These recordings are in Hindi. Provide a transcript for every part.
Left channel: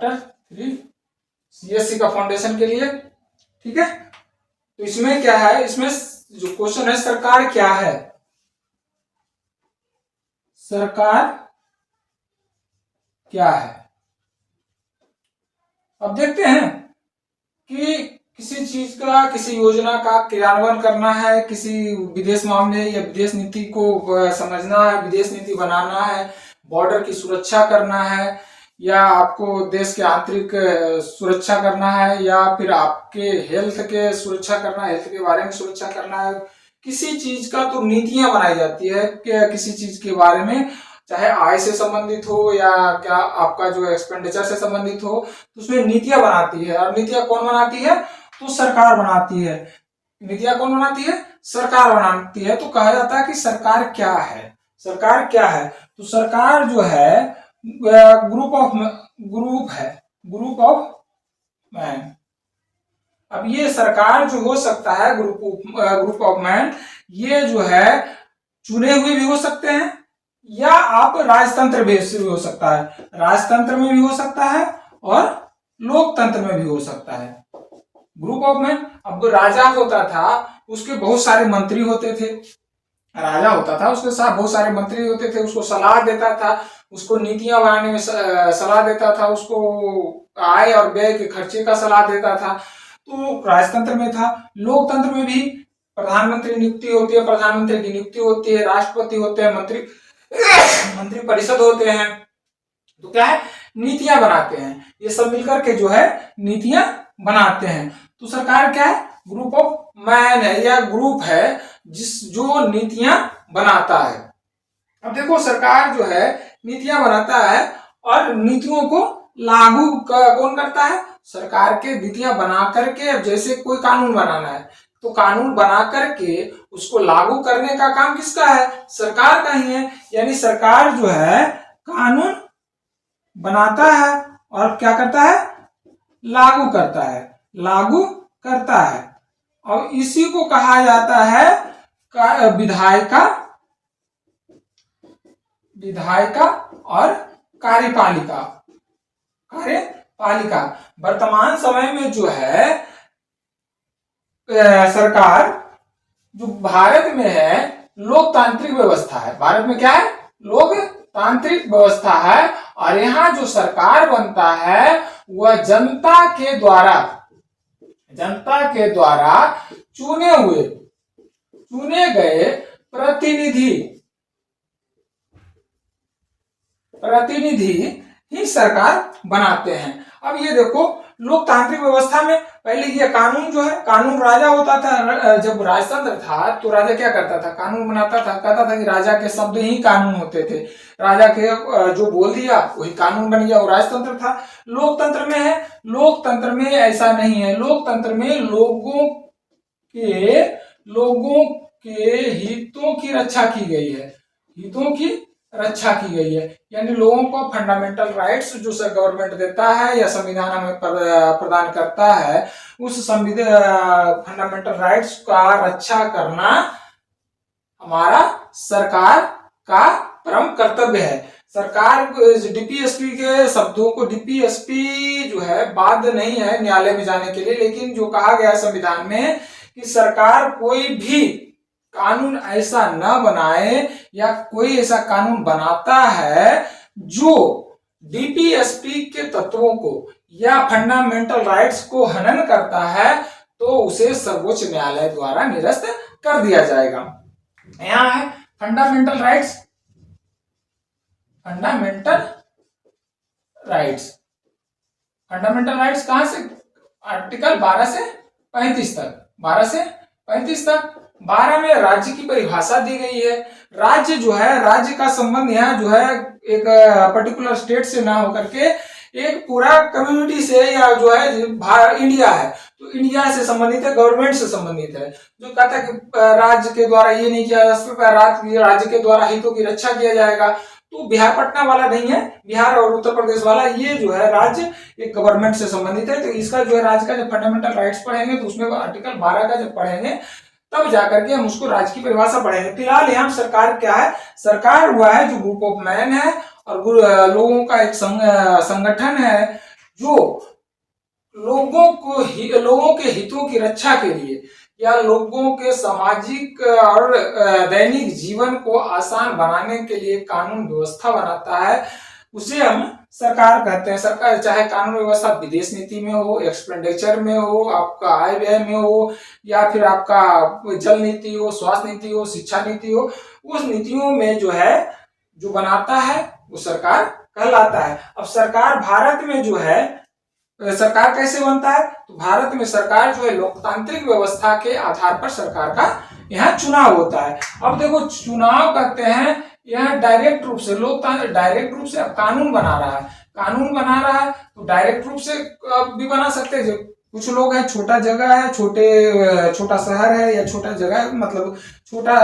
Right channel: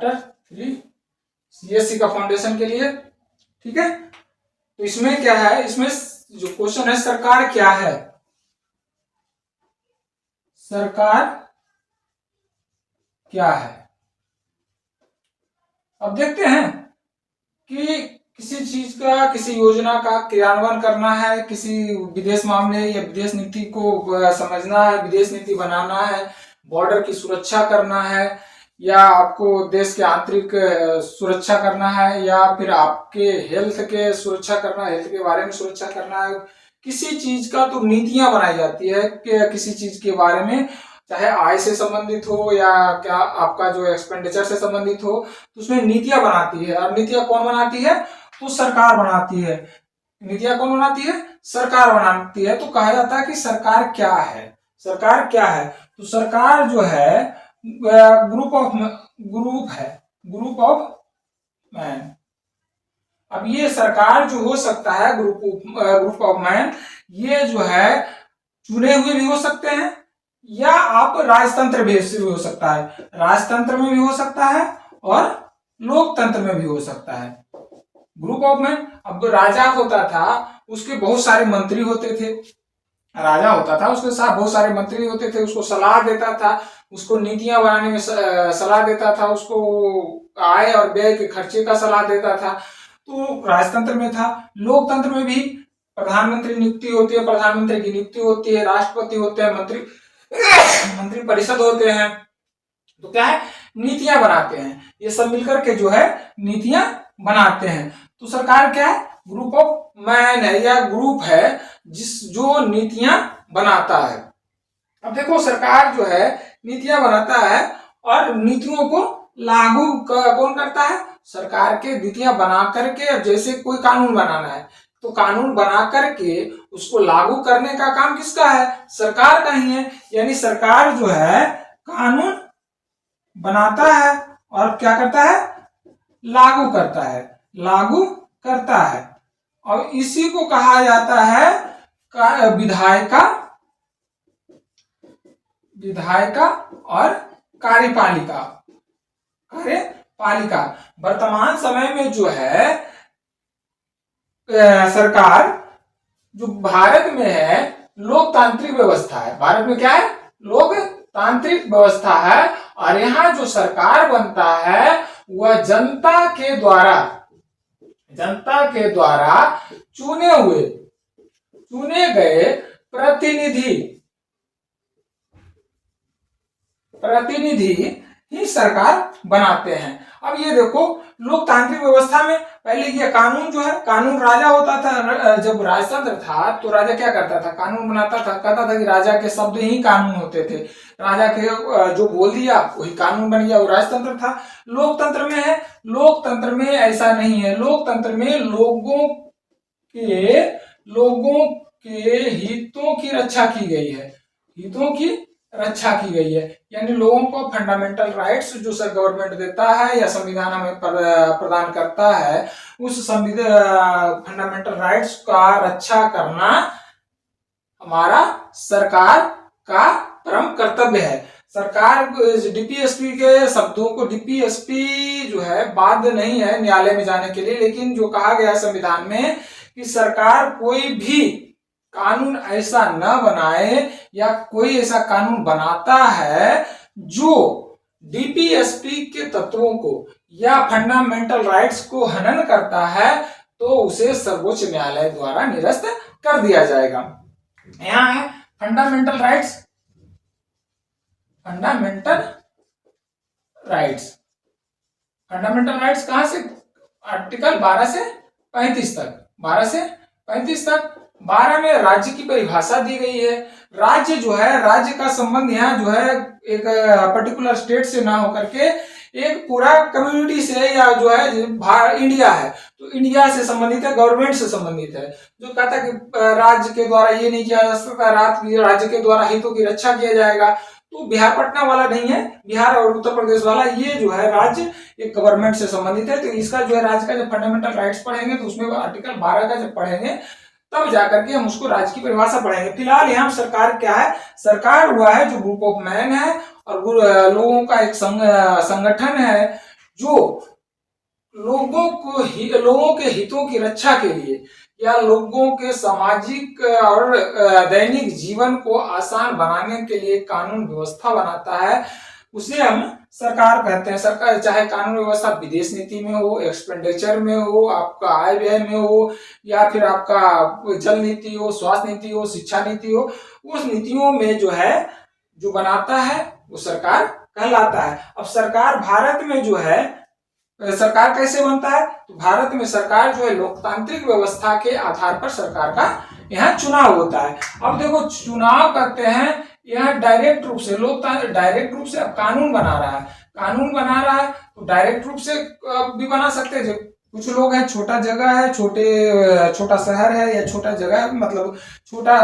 चैप्टर 3 सीएससी का फाउंडेशन के लिए। ठीक है, तो इसमें क्या है, इसमें जो क्वेश्चन है सरकार क्या है, सरकार क्या है। अब देखते हैं कि किसी चीज का, किसी योजना का क्रियान्वयन करना है, किसी विदेश मामले या विदेश नीति को समझना है, विदेश नीति बनाना है, बॉर्डर की सुरक्षा करना है, या आपको देश के आंतरिक सुरक्षा करना है, या फिर आपके हेल्थ के सुरक्षा करना है, हेल्थ के बारे में सुरक्षा करना है, किसी चीज का तो नीतियां बनाई जाती है कि किसी चीज के बारे में, चाहे आय से संबंधित हो या क्या आपका जो एक्सपेंडिचर से संबंधित हो, तो उसमें नीतियां बनाती है। और नीतियां कौन बनाती है, तो सरकार बनाती है। नीतियां कौन बनाती है, सरकार बनाती है। तो कहा जाता है कि सरकार क्या है, सरकार क्या है, तो सरकार जो है ग्रुप ऑफ मैन। अब ये सरकार जो हो सकता है ग्रुप ऑफ मैन, ये जो है चुने हुए भी हो सकते हैं, या आप राजतंत्र बेस से भी हो सकता है, राजतंत्र में भी हो सकता है और लोकतंत्र में भी हो सकता है। ग्रुप ऑफ मैन, अब राजा होता था उसके बहुत सारे मंत्री होते थे, राजा होता था उसके साथ बहुत सारे मंत्री होते थे, उसको सलाह देता था, उसको नीतियां बनाने में सलाह देता था, उसको आय और व्यय के खर्चे का सलाह देता था। तो राजतंत्र में था। लोकतंत्र में भी प्रधानमंत्री नियुक्ति होती है, प्रधानमंत्री की नियुक्ति होती है, राष्ट्रपति होते हैं, मंत्री परिषद होते हैं। तो क्या है, नीतियां बनाते हैं, ये सब मिलकर के जो है नीतियां बनाते हैं। तो सरकार क्या है, ग्रुप ऑफ मैन है, या ग्रुप है जो नीतियां बनाता है। अब देखो सरकार जो है नीतियां बनाता है और नीतियों को लागू कौन करता है, सरकार के नीतियां बना करके, जैसे कोई कानून बनाना है तो कानून बना करके उसको लागू करने का काम किसका है, सरकार का ही है। यानी सरकार जो है कानून बनाता है और क्या करता है, लागू करता है, लागू करता है। और इसी को कहा जाता है विधायिका, विधायिका और कार्यपालिका, कार्यपालिका। वर्तमान समय में जो है सरकार जो भारत में है लोकतांत्रिक व्यवस्था है, भारत में क्या है, लोकतांत्रिक व्यवस्था है। और यहाँ जो सरकार बनता है वह जनता के द्वारा चुने गए प्रतिनिधि ही सरकार बनाते हैं। अब ये देखो लोकतांत्रिक व्यवस्था में पहले ये कानून जो है, कानून राजा होता था। जब राजतंत्र था तो राजा क्या करता था, कानून बनाता था, कहता था कि राजा के शब्द ही कानून होते थे, राजा के जो बोल दिया वही कानून बन गया, वो राजतंत्र था। लोकतंत्र में है, लोकतंत्र में ऐसा नहीं है, लोकतंत्र में लोगों के हितों की रक्षा की गई है, हितों की रक्षा की गई है। यानी लोगों को फंडामेंटल राइट्स जो सर गवर्नमेंट देता है या संविधान हमें प्रदान करता है, उस फंडामेंटल राइट्स का रक्षा करना हमारा सरकार का परम कर्तव्य है। सरकार डीपीएसपी के शब्दों को, डीपीएसपी जो है बाध्य नहीं है न्यायालय में जाने के लिए, लेकिन जो कहा गया संविधान में कि सरकार कोई भी कानून ऐसा न बनाए या कोई ऐसा कानून बनाता है जो डीपीएसपी के तत्वों को या फंडामेंटल राइट्स को हनन करता है, तो उसे सर्वोच्च न्यायालय द्वारा निरस्त कर दिया जाएगा। यहां है fundamental rights, fundamental rights, fundamental rights कहां से, आर्टिकल 12 से 35 तक, 12 से 35 तक। 12 में राज्य की परिभाषा दी गई है। राज्य जो है, राज्य का संबंध यहाँ जो है एक पर्टिकुलर स्टेट से ना होकर के एक पूरा कम्युनिटी से, या जो है इंडिया है तो इंडिया से संबंधित है, गवर्नमेंट से संबंधित है। जो कहता है कि राज्य के द्वारा ये नहीं किया जा सकता, राज्य के द्वारा हितों की रक्षा किया जाएगा, तो बिहार पटना वाला नहीं है, बिहार और उत्तर प्रदेश वाला ये जो है राज्य एक गवर्नमेंट से संबंधित है। तो इसका जो है राज्य का जब फंडामेंटल राइट्स पढ़ेंगे तो उसमें आर्टिकल 12 का जब पढ़ेंगे तब जाकर के हम उसको राज्य की परिभाषा पढ़ेंगे। फिलहाल यहाँ सरकार क्या है, सरकार हुआ है जो ग्रुप ऑफ मैन है और लोगों का एक संगठन है जो लोगों के हितों की रक्षा के लिए या लोगों के सामाजिक और दैनिक जीवन को आसान बनाने के लिए कानून व्यवस्था बनाता है, उसे हम सरकार कहते हैं। सरकार चाहे कानून व्यवस्था विदेश नीति में हो, एक्सपेंडिचर में हो, आपका आय व्यय में हो, या फिर आपका जल नीति हो, स्वास्थ्य नीति हो, शिक्षा नीति हो, उस नीतियों में जो है जो बनाता है वो सरकार कहलाता है। अब सरकार भारत में जो है सरकार कैसे बनता है, तो भारत में सरकार जो है लोकतांत्रिक व्यवस्था के आधार पर सरकार का यहाँ चुनाव होता है। अब देखो चुनाव करते हैं यहाँ डायरेक्ट रूप से, लोकतांत्रिक डायरेक्ट रूप से अब कानून बना रहा है तो डायरेक्ट रूप से भी बना सकते हैं। कुछ लोग हैं, छोटा जगह है, छोटा शहर है या छोटा जगह मतलब छोटा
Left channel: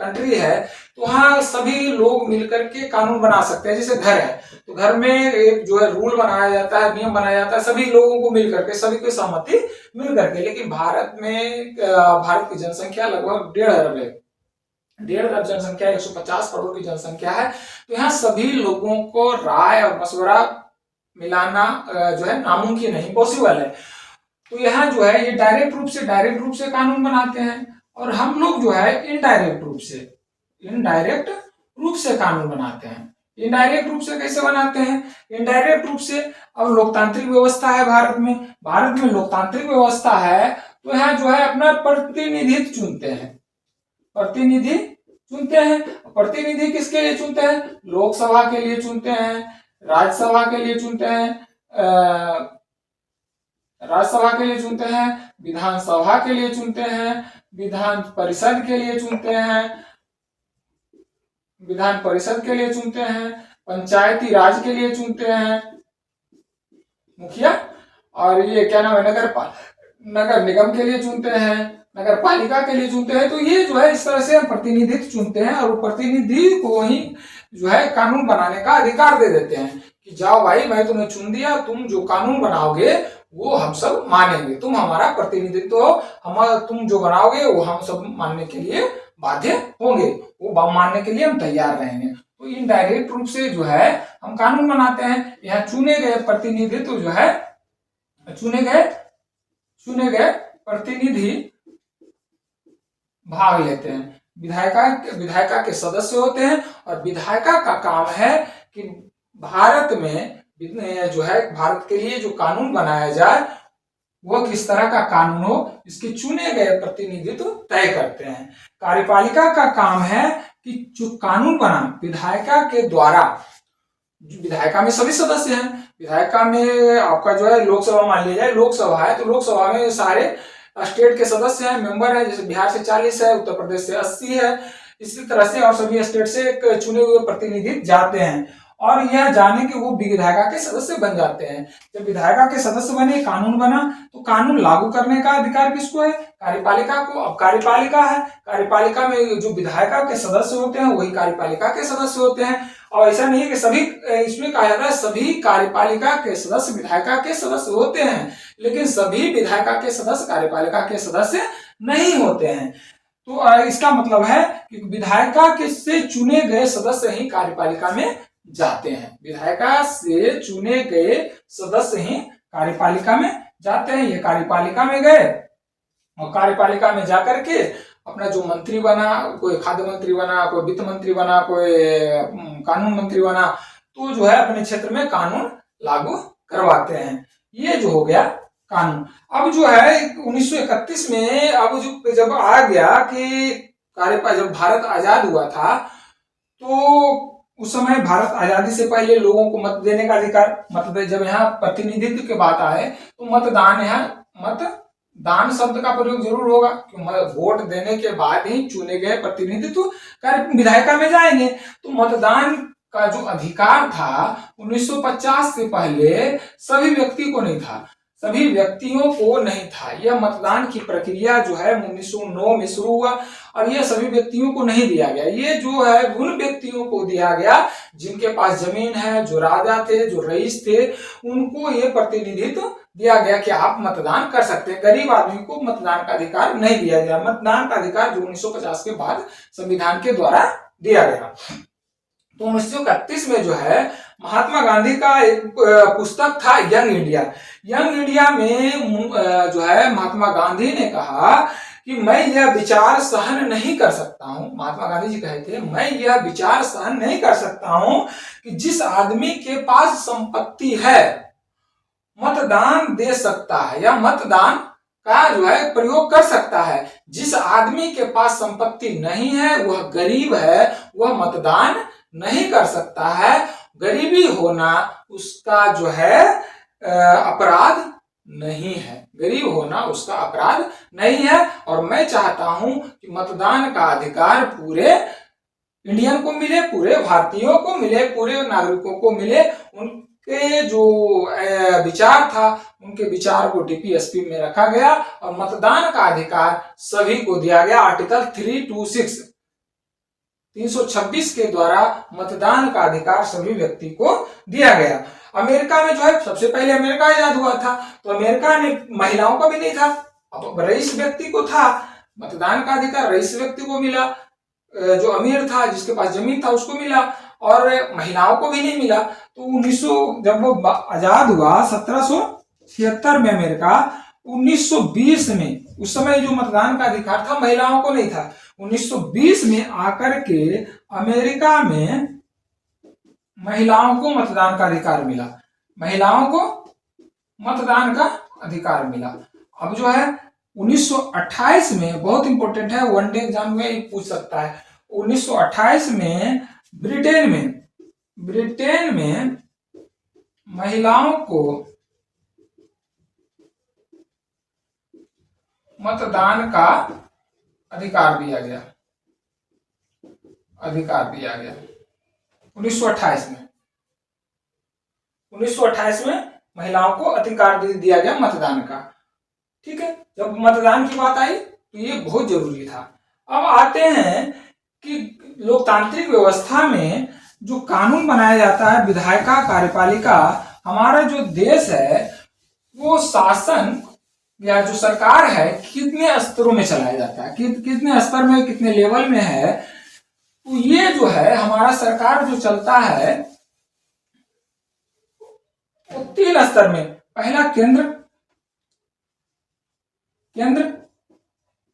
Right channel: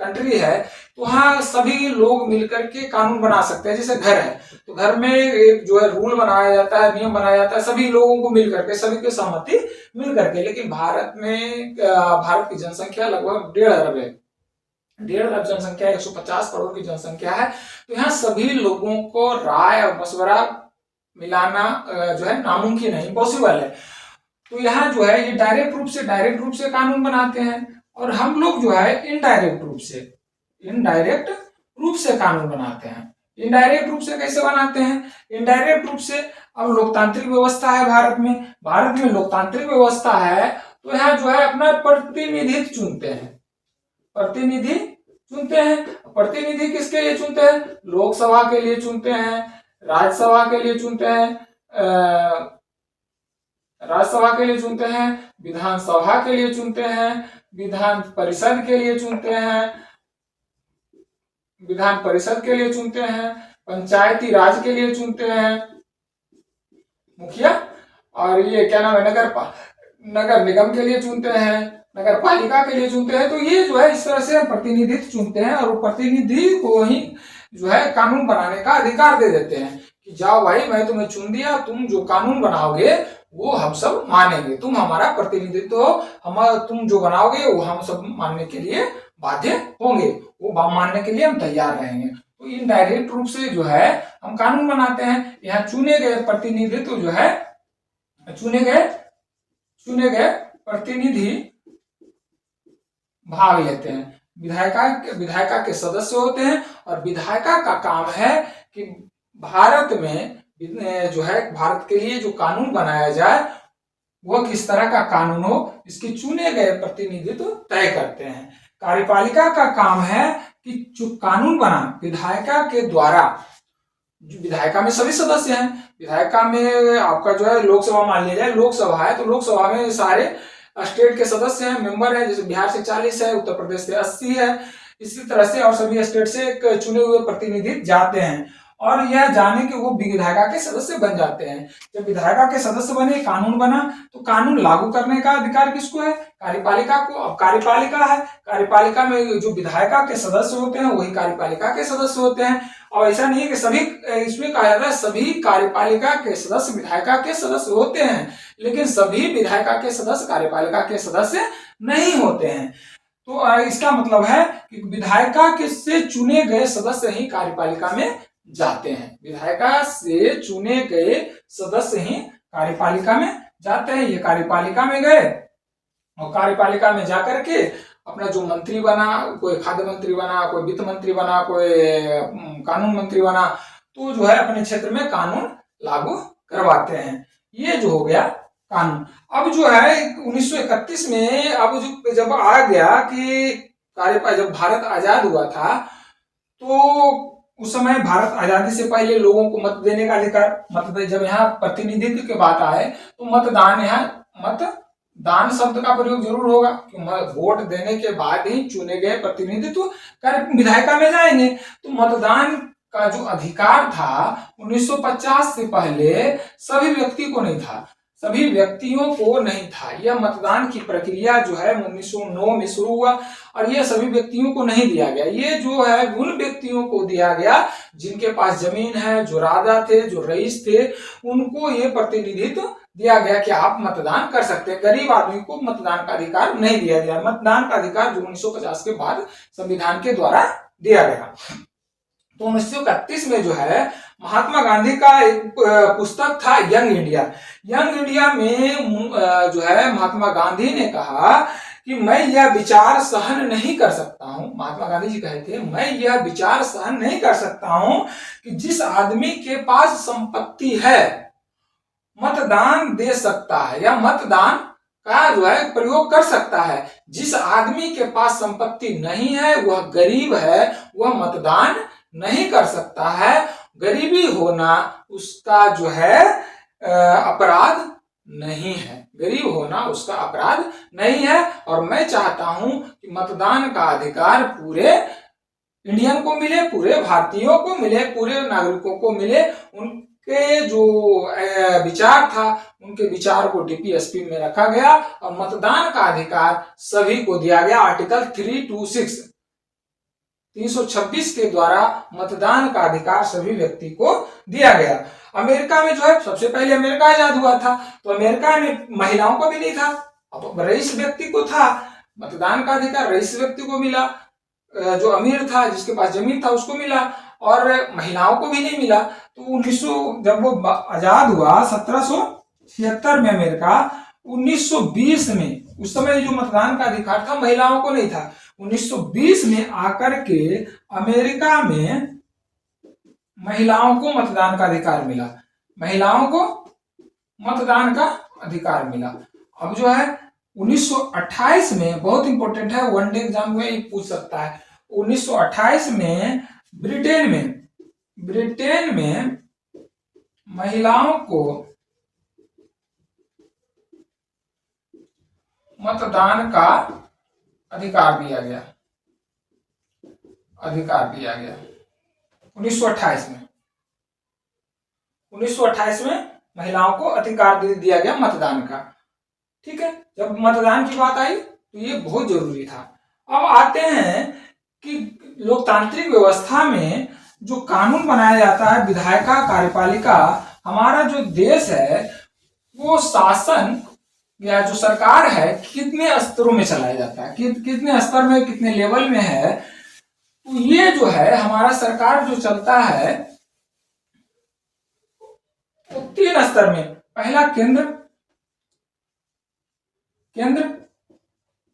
कंट्री है, तो वहाँ सभी लोग मिलकर के कानून बना सकते हैं। जैसे घर है तो घर में एक जो है रूल बनाया जाता है, नियम बनाया जाता है, सभी लोगों को मिल करके, सभी की सहमति मिल करके। लेकिन भारत में भारत की जनसंख्या लगभग 1.5 अरब है, 1.5 अरब जनसंख्या, 150 करोड़ की जनसंख्या है। तो यहाँ सभी लोगों को राय और मशवरा मिलाना जो है नामुमकिन है, इम्पॉसिबल है। तो यहाँ जो है ये डायरेक्ट रूप से कानून बनाते हैं, और हम लोग जो है इनडायरेक्ट रूप से कानून बनाते हैं। इनडायरेक्ट रूप से कैसे बनाते हैं, इनडायरेक्ट रूप से अब लोकतांत्रिक व्यवस्था है भारत में लोकतांत्रिक व्यवस्था है, तो यहाँ जो है अपना प्रतिनिधि चुनते हैं। प्रतिनिधि किसके लिए चुनते हैं, लोकसभा के लिए चुनते हैं, राज्यसभा के लिए चुनते हैं, विधानसभा के लिए चुनते हैं, विधान परिषद के लिए चुनते हैं, पंचायती राज के लिए चुनते हैं मुखिया, और ये क्या नाम है, नगर निगम के लिए चुनते हैं, नगर पालिका के लिए चुनते हैं। तो ये जो है इस तरह से हम प्रतिनिधित्व चुनते हैं, और प्रतिनिधि को ही जो है कानून बनाने का अधिकार दे देते हैं कि जाओ भाई, मैं तुम्हें चुन दिया, तुम जो कानून बनाओगे वो हम सब मानेंगे, तुम हमारा प्रतिनिधित्व हो, तुम जो बनाओगे वो हम सब मानने के लिए बाध्य होंगे, वो मानने के लिए हम तैयार रहेंगे। तो इनडायरेक्ट रूप से जो है हम कानून बनाते हैं। यहाँ चुने गए प्रतिनिधित्व जो है चुने गए प्रतिनिधि भाग लेते हैं। विधायिका के सदस्य होते हैं, और विधायिका का काम है कि भारत में जो है भारत के लिए जो कानून बनाया जाए वो किस तरह का कानून हो, इसके चुने गए प्रतिनिधित्व तय करते हैं। कार्यपालिका का काम है कि जो कानून बना विधायिका के द्वारा, विधायिका में सभी सदस्य हैं, विधायिका में आपका जो है लोकसभा मान लिया जाए, लोकसभा है तो लोकसभा में सारे स्टेट के सदस्य हैं, मेंबर है, जैसे बिहार से 40 है, उत्तर प्रदेश से 80 है, इसी तरह से और सभी स्टेट से चुने हुए प्रतिनिधि जाते हैं, और यह जाने के वो विधायिका के सदस्य बन जाते हैं। जब विधायिका के सदस्य बने, कानून बना, तो कानून लागू करने का अधिकार किसको है, कार्यपालिका को। अब कार्यपालिका है, कार्यपालिका में जो विधायिका के सदस्य होते हैं वही कार्यपालिका के सदस्य होते हैं। और ऐसा नहीं है कि सभी, इसमें कहा जाता है सभी कार्यपालिका के सदस्य विधायिका के सदस्य होते हैं, लेकिन सभी विधायिका के सदस्य कार्यपालिका के सदस्य नहीं होते हैं। तो इसका मतलब है कि विधायिका के से चुने गए सदस्य ही कार्यपालिका में जाते हैं, विधायिका से चुने गए सदस्य ही कार्यपालिका में जाते हैं। ये कार्यपालिका में गए और कार्यपालिका में जाकर के अपना जो मंत्री बना, कोई खाद्य मंत्री बना, कोई वित्त मंत्री बना, कोई कानून मंत्री बना, तो जो है अपने क्षेत्र में कानून लागू करवाते हैं। ये जो हो गया कानून। अब जो है 1931 में अब जब आ गया कि जब भारत आजाद हुआ था, तो उस समय भारत आजादी से पहले लोगों को मत देने का अधिकार, जब यहाँ प्रतिनिधित्व की बात आए तो मतदान, यहाँ मतदान शब्द का प्रयोग जरूर होगा, क्योंकि वोट देने के बाद ही चुने गए प्रतिनिधित्व विधायिका में जाएंगे। तो मतदान का जो अधिकार था 1950 से पहले सभी व्यक्ति को नहीं था, सभी व्यक्तियों को नहीं था। यह मतदान की प्रक्रिया जो है 1909 में शुरू हुआ, और यह सभी व्यक्तियों को नहीं दिया गया। ये जो है उन व्यक्तियों को दिया गया जिनके पास जमीन है, जो राजा थे, जो रईस थे, उनको ये प्रतिनिधित्व दिया गया कि आप मतदान कर सकते हैं। गरीब आदमी को मतदान का अधिकार नहीं दिया गया। मतदान का अधिकार जो 1950 के बाद संविधान के द्वारा दिया गया। तो 1931 में जो है महात्मा गांधी का एक पुस्तक था यंग इंडिया। यंग इंडिया में जो है महात्मा गांधी ने कहा कि मैं यह विचार सहन नहीं कर सकता हूं, महात्मा गांधी जी कहे थे, मैं यह विचार सहन नहीं कर सकता हूं कि जिस आदमी के पास संपत्ति है मतदान दे सकता है या मतदान का जो है प्रयोग कर सकता है, जिस आदमी के पास संपत्ति नहीं है, वह गरीब है, वह मतदान नहीं कर सकता है। गरीबी होना उसका जो है अपराध नहीं है, गरीब होना उसका अपराध नहीं है। और मैं चाहता हूं कि मतदान का अधिकार पूरे इंडियन को मिले, पूरे भारतीयों को मिले, पूरे नागरिकों को मिले। उनके जो विचार था, उनके विचार को डीपीएसपी में रखा गया और मतदान का अधिकार सभी को दिया गया। आर्टिकल 326 के द्वारा मतदान का अधिकार सभी व्यक्ति को दिया गया। अमेरिका में जो है सबसे पहले अमेरिका आजाद हुआ था, तो अमेरिका ने महिलाओं का भी नहीं था, अब रईस व्यक्ति को था मतदान का अधिकार, रईस व्यक्ति को मिला, जो अमीर था जिसके पास जमीन था उसको मिला, और महिलाओं को भी नहीं मिला। तो 1900 जब वो आजाद हुआ 1776 में अमेरिका, 1920 में उस समय जो मतदान का अधिकार था महिलाओं को नहीं था। 1920 में आकर के अमेरिका में महिलाओं को मतदान का अधिकार मिला, महिलाओं को मतदान का अधिकार मिला। अब जो है 1928 में, बहुत इंपॉर्टेंट है, वनडे एग्जाम में पूछ सकता है, 1928 में ब्रिटेन में महिलाओं को मतदान का अधिकार दिया गया, 1928 में महिलाओं को अधिकार दिया गया मतदान का। ठीक है, जब मतदान की बात आई तो ये बहुत जरूरी था। अब आते हैं कि लोकतांत्रिक व्यवस्था में जो कानून बनाया जाता है, विधायिका कार्यपालिका, हमारा जो देश है वो शासन या जो सरकार है कितने स्तरों में चलाया जाता है, कितने स्तर में, कितने लेवल में है। तो ये जो है हमारा सरकार जो चलता है वो 3 स्तर में, पहला केंद्र,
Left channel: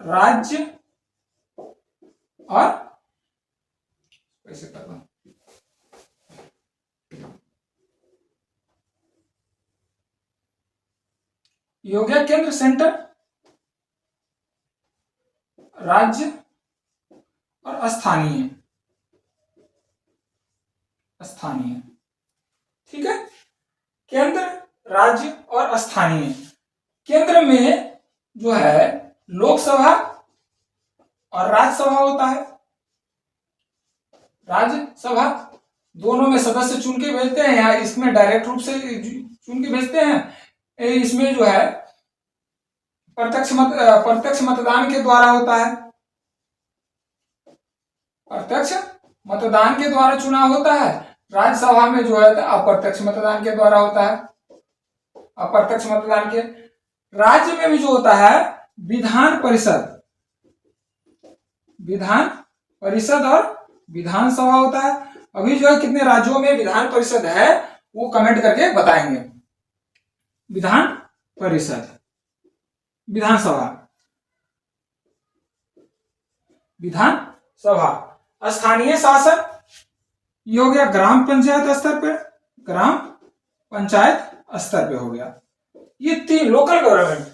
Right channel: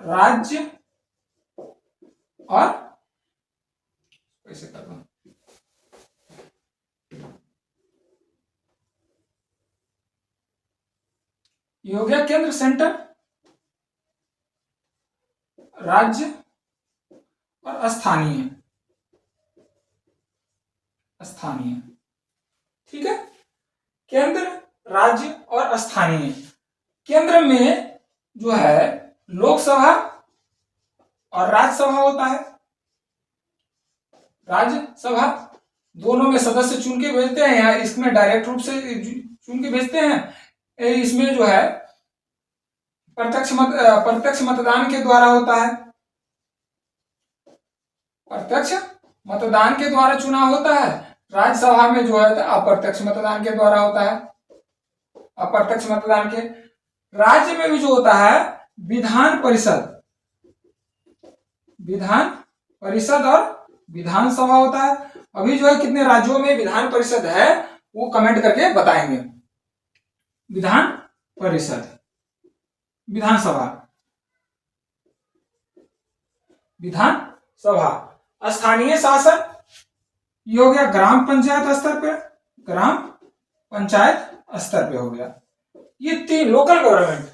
राज्य और कैसे कर रहा हूं, ये हो गया केंद्र सेंटर, राज्य और स्थानीय। ठीक है, केंद्र, राज्य और स्थानीय। केंद्र में जो है लोकसभा और राज्यसभा होता है। राज्यसभा दोनों में सदस्य चुन के भेजते हैं, यहाँ इसमें डायरेक्ट रूप से चुन के भेजते हैं, इसमें जो है प्रत्यक्ष मतदान के द्वारा होता है, प्रत्यक्ष मतदान के द्वारा चुनाव होता है। राज्यसभा में जो है अप्रत्यक्ष मतदान के द्वारा होता है, अप्रत्यक्ष मतदान के। राज्य में भी जो होता है विधान परिषद और विधानसभा होता है। अभी जो है कितने राज्यों में विधान परिषद है वो कमेंट करके बताएंगे। विधान परिषद, विधानसभा। स्थानीय शासन ये हो गया ग्राम पंचायत स्तर पे, ग्राम पंचायत स्तर पे हो गया, ये 3 लोकल गवर्नमेंट।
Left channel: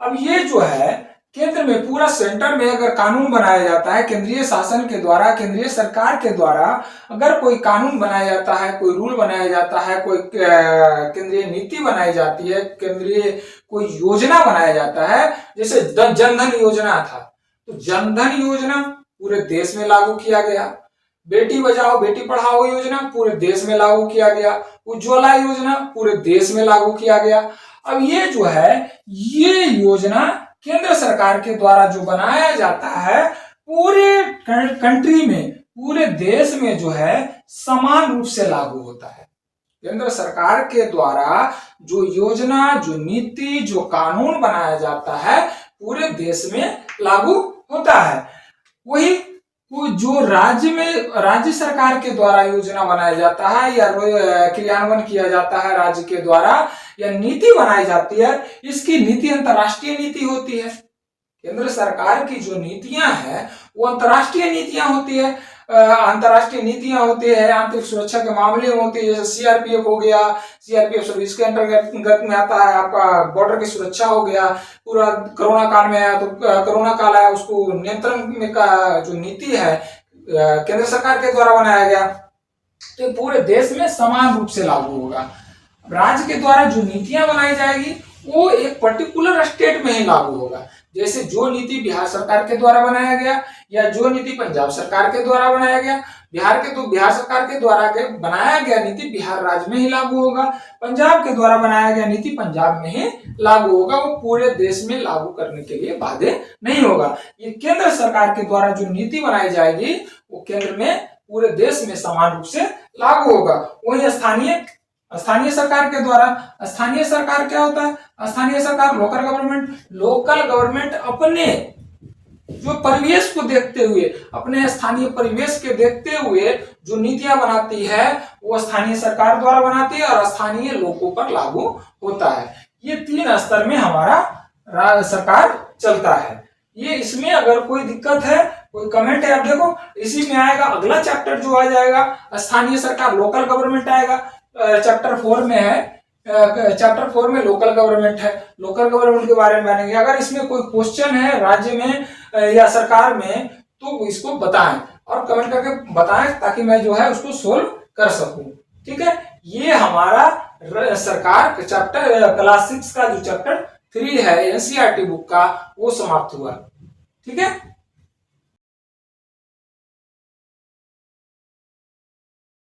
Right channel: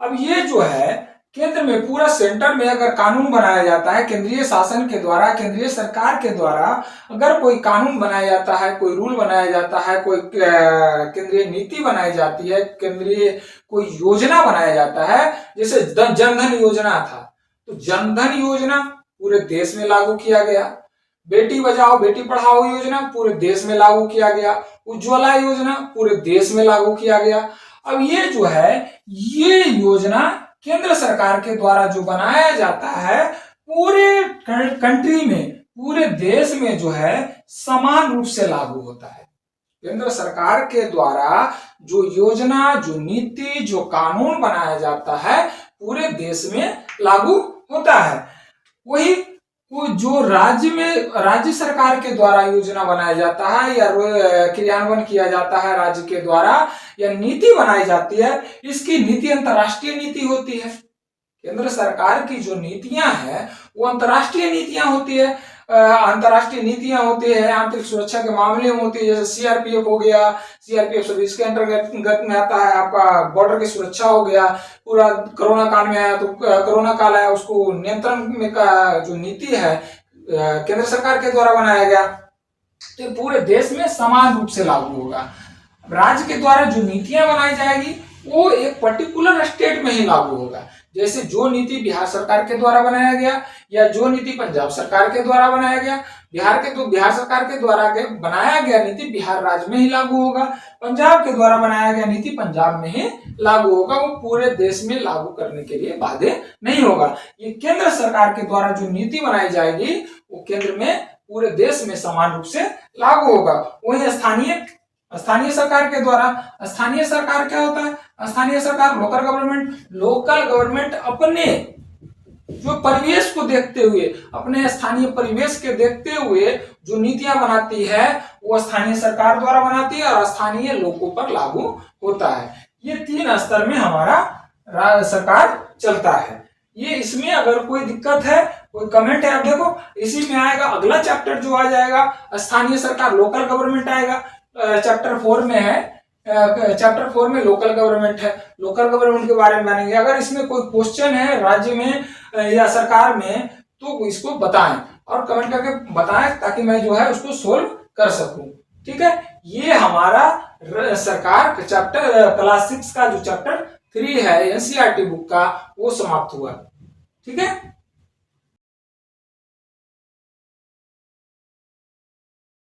अब ये जो है केंद्र में, पूरा सेंटर में अगर कानून बनाया जाता है केंद्रीय शासन के द्वारा, केंद्रीय सरकार के द्वारा अगर कोई कानून बनाया जाता है, कोई रूल बनाया जाता है, कोई केंद्रीय नीति बनाई जाती है, केंद्रीय कोई योजना बनाया जाता है, जैसे जनधन योजना था, तो जनधन योजना पूरे देश में लागू किया गया। बेटी बचाओ बेटी पढ़ाओ योजना पूरे देश में लागू किया गया। उज्ज्वला योजना पूरे देश में लागू किया गया। अब ये जो है ये योजना केंद्र सरकार के द्वारा जो बनाया जाता है पूरे कंट्री में, पूरे देश में जो है समान रूप से लागू होता है। केंद्र सरकार के द्वारा जो योजना, जो नीति, जो कानून बनाया जाता है पूरे देश में लागू होता है। वही जो राज्य में राज्य सरकार के द्वारा योजना बनाया जाता है या क्रियान्वयन किया जाता है राज्य के द्वारा या नीति बनाई जाती है, इसकी नीति अंतर्राष्ट्रीय नीति होती है। केंद्र सरकार की जो नीतियां हैं वो अंतर्राष्ट्रीय नीतियां होती है। अंतर्राष्ट्रीय नीतियां होती है आंतरिक सुरक्षा के मामले में होती है, जैसे सीआरपीएफ हो गया, सीआरपीएफ सब इसके अंतर्गत में आता है। आपका बॉर्डर की सुरक्षा हो गया, पूरा कोरोना काल में आया तो कोरोना काल आया उसको नियंत्रण में का जो नीति है केंद्र सरकार के द्वारा बनाया गया, तो पूरे देश में समान रूप से लागू होगा। राज्य के द्वारा जो नीतियां बनाई जाएगी वो एक पर्टिकुलर स्टेट में ही लागू होगा। जैसे जो नीति बिहार सरकार के द्वारा बनाया गया या जो नीति पंजाब सरकार के द्वारा बनाया गया, बिहार सरकार के द्वारा बनाया गया नीति बिहार राज्य में ही लागू होगा, पंजाब के द्वारा बनाया गया नीति पंजाब में ही लागू होगा। वो पूरे देश में लागू करने के लिए बाध्य नहीं होगा। ये केंद्र सरकार के द्वारा जो नीति बनाई जाएगी वो केंद्र में पूरे देश में समान रूप से लागू होगा। वही स्थानीय सरकार के द्वारा, स्थानीय सरकार क्या होता है? स्थानीय सरकार लोकल गवर्नमेंट अपने जो परिवेश को देखते हुए, अपने स्थानीय परिवेश के देखते हुए जो नीतियां बनाती है वो स्थानीय सरकार द्वारा बनाती है और स्थानीय लोगों पर लागू होता है। ये 3 स्तर में हमारा सरकार चलता है। ये इसमें अगर कोई दिक्कत है, कोई कमेंट है, आप देखो इसी में आएगा। अगला चैप्टर जो आ जाएगा स्थानीय सरकार, लोकल गवर्नमेंट आएगा। चैप्टर 4 में है, चैप्टर 4 में लोकल गवर्नमेंट है। लोकल गवर्नमेंट के बारे में जानेंगे। अगर इसमें कोई क्वेश्चन है राज्य में या सरकार में तो इसको बताएं और कमेंट करके बताएं ताकि मैं जो है उसको सोल्व कर सकूं। ठीक है, ये हमारा सरकार का चैप्टर क्लास 6 का जो चैप्टर 3 है एनसीईआरटी बुक का वो समाप्त हुआ। ठीक है।